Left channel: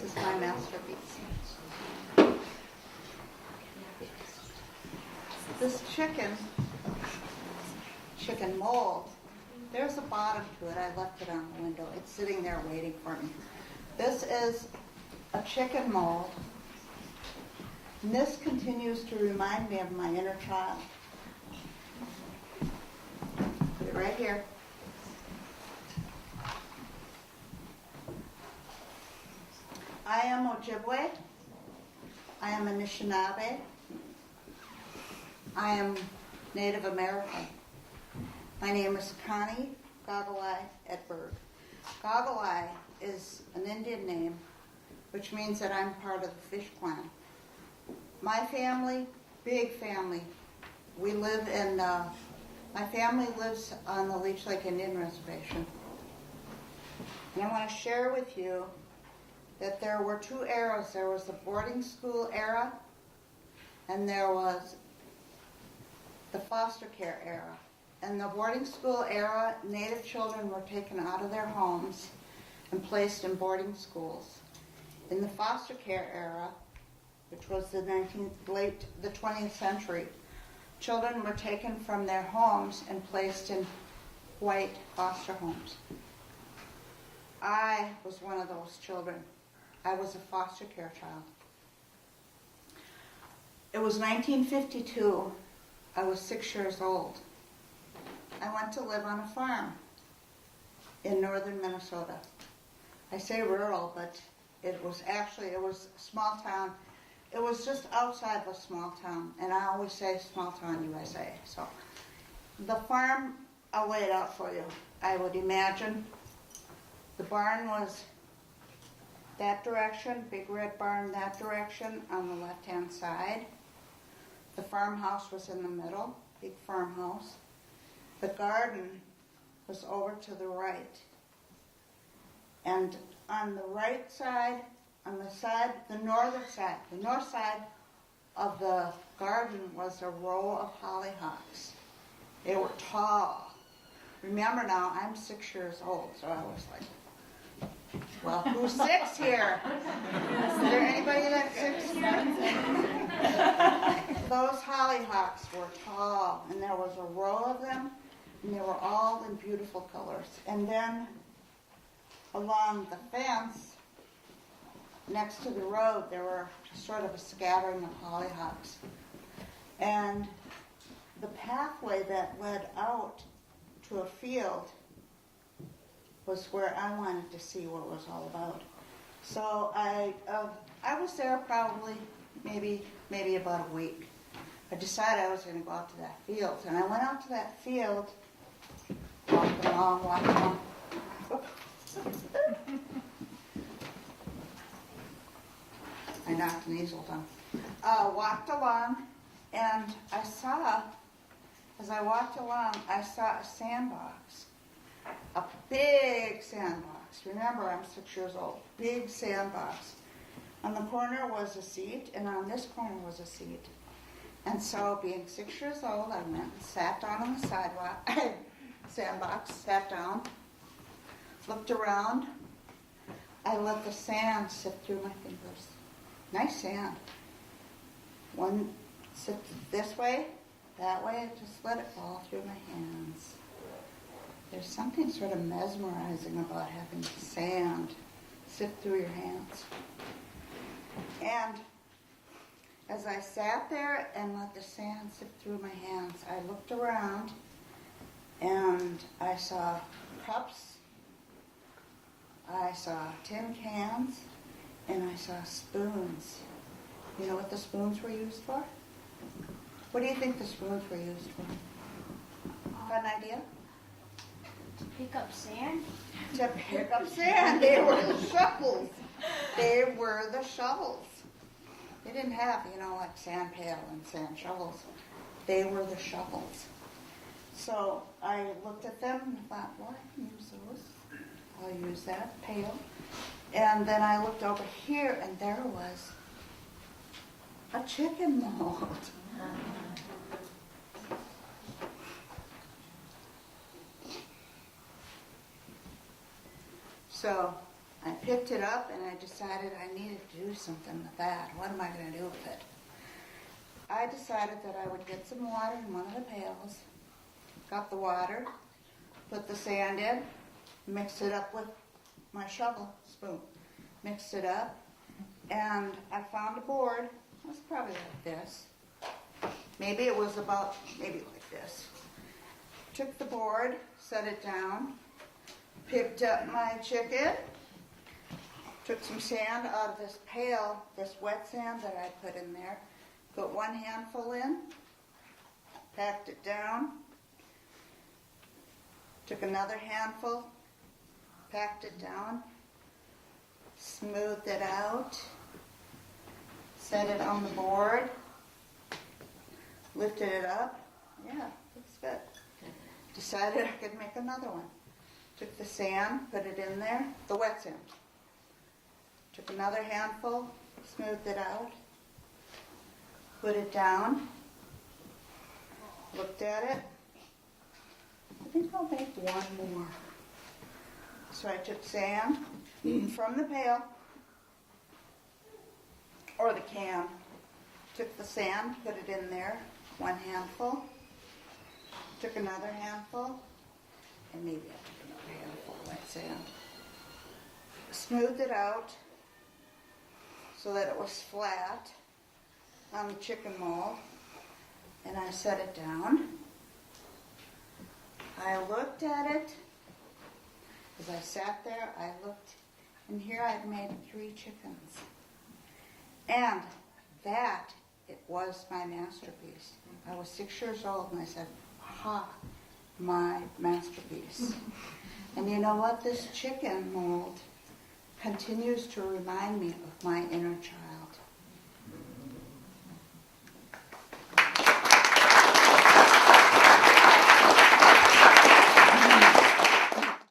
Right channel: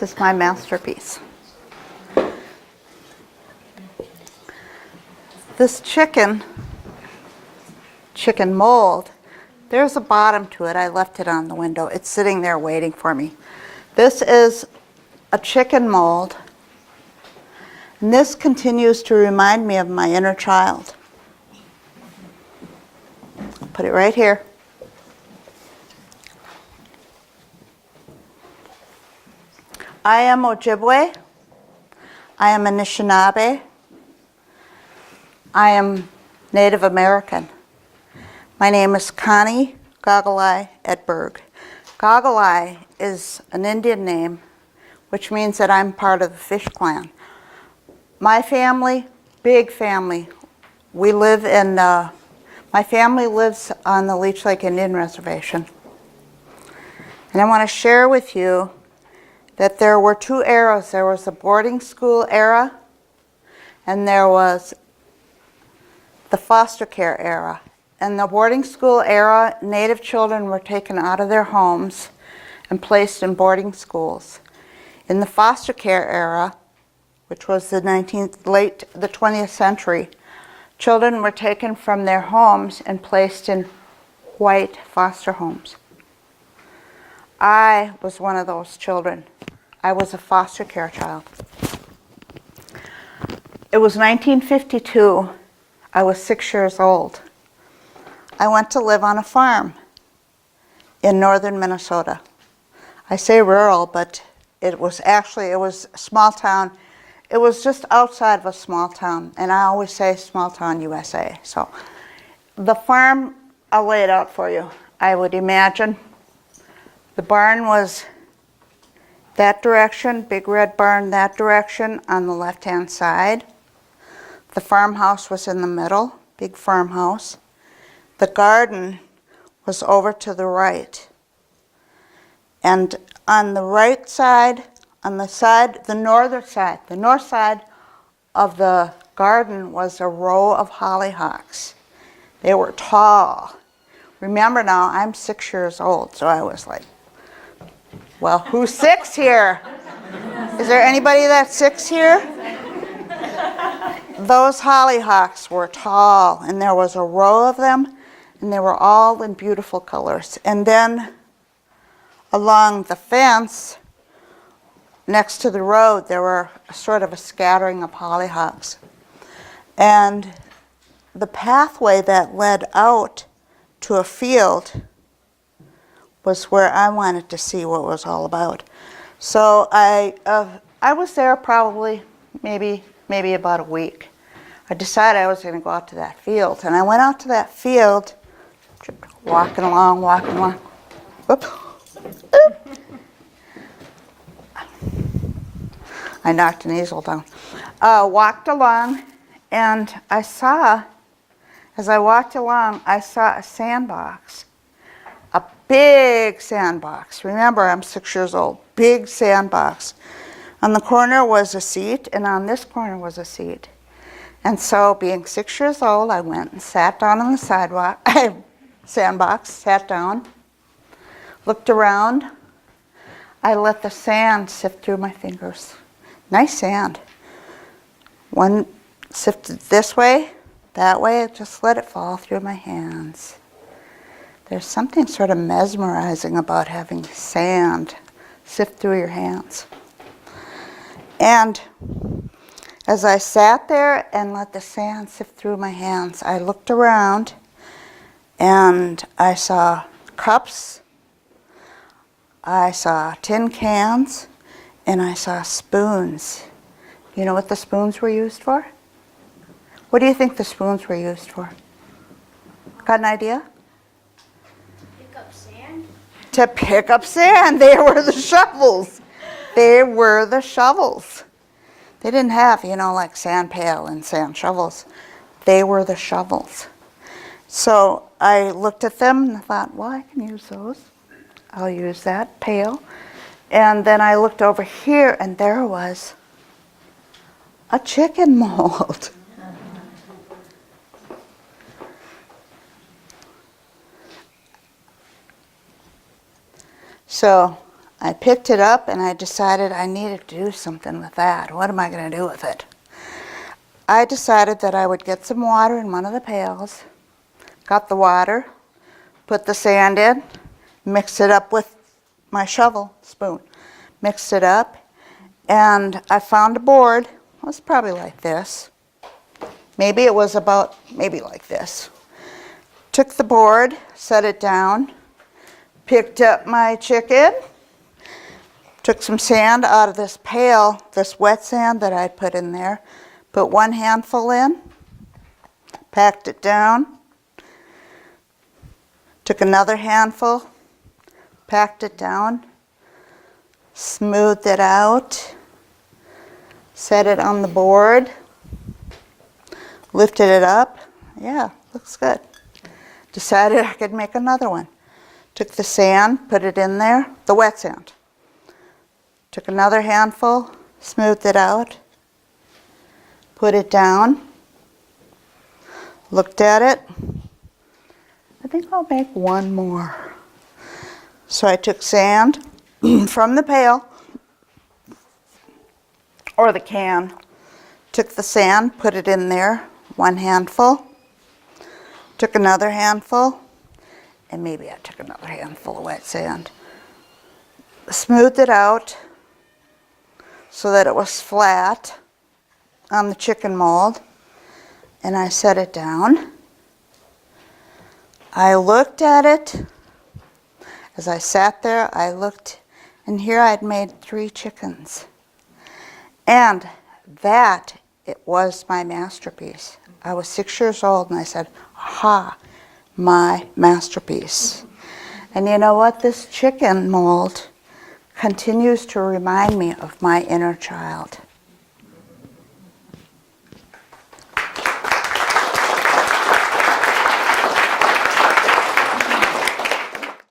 This is my masterpiece. This chicken mold, there's a bottom to it. I left it on the window. It's sitting there waiting for me. This is a chicken mold. And this continues to remind me of my inner child. Put it right here. I am Ojibwe. I am Anishinaabe. I am Native American. My name is Connie Edberg. Goggle-eye is an Indian name, which means that I'm part of the fish clan. My family, big family, we live in, my family lives on the Leech Lake Indian Reservation. And I want to share with you that there were two eras. There was the boarding school era, and there was the foster care era. In the boarding school era, Native children were taken out of their homes and placed in boarding schools. In the foster care era, which was the 20th century, children were taken from their homes and placed in white foster homes. I was one of those children. I was a foster care child. It was 1952. I was 6 years old. I went to live on a farm in northern Minnesota. I say rural, but it was a small town. It was just outside of a small town, and I always say small town USA. So the farm, I'll lay it out for you. I would imagine the barn was that direction, big red barn that direction on the left-hand side. The farmhouse was in the middle, big farmhouse. The garden was over to the right. And on the right side, the north side of the garden was a row of hollyhocks. They were tall. Remember now, I'm 6 years old, so I was like, well, who's 6 here? Is there anybody that's 6 here? Those hollyhocks were tall, and there was a row of them, and they were all in beautiful colors. And then along the fence, next to the road, there were sort of a scattering of hollyhocks. And the pathway that led out to a field was where I wanted to see what it was all about. So I was there probably maybe about a week. I decided I was going to go out to that field, and I went out to that field, walking along. Whoop. I knocked an easel down. Walked along, and as I walked along, I saw a sandbox, a big sandbox. Remember, I'm 6 years old, big sandbox. On the corner was a seat, and on this corner was a seat. And so, being 6 years old, I went and sat down on the sandbox, sat down, looked around. I let the sand sift through my fingers. Nice sand. One sifted this way, that way, just let it fall through my hands. There's something sort of mesmerizing about having sand sift through your hands. And as I sat there and let the sand sift through my hands, I looked around and I saw cups, I saw tin cans, and I saw spoons. You know what the spoons were used for? What do you think the spoons were used for? Got an idea? Pick up sand? To pick up sand. They were the shovels. They were the shovels. They didn't have, like sand pail and sand shovels. They were the shovels. So I looked at them and I thought, well, I can use those. I'll use that pail. And then I looked over here, and there was a chicken mold. So I picked it up and I decided I needed to do something with that. What am I going to do with it? I decided that I would get some water in one of the pails, got the water, put the sand in, mixed it up with my shovel spoon, mixed it up, and I found a board. It was probably like this. Maybe it was about, maybe like this. Took the board, set it down, picked up my chicken, took some sand out of this pail, this wet sand that I put in there, put one handful in, packed it down, took another handful, packed it down, smoothed it out, set it on the board, lifted it up. Yeah, looks good. Decided I could make another one. Took the sand, put it in there, the wet sand. Took another handful, smoothed it out, put it down, looked at it. I think I'll make one more. So I took sand from the pail, or the can, took the sand, put it in there, one handful, took another handful, and maybe I took another handful of wet sand, smoothed it out so that it was flat on the chicken mold, and I set it down. I looked at it. As I sat there, I looked, and here I'd made 3 chickens. And that, it was my masterpiece. I was 6 years old, and I said, aha, my masterpiece. And you know what? This chicken mold continues to remind me of my inner child.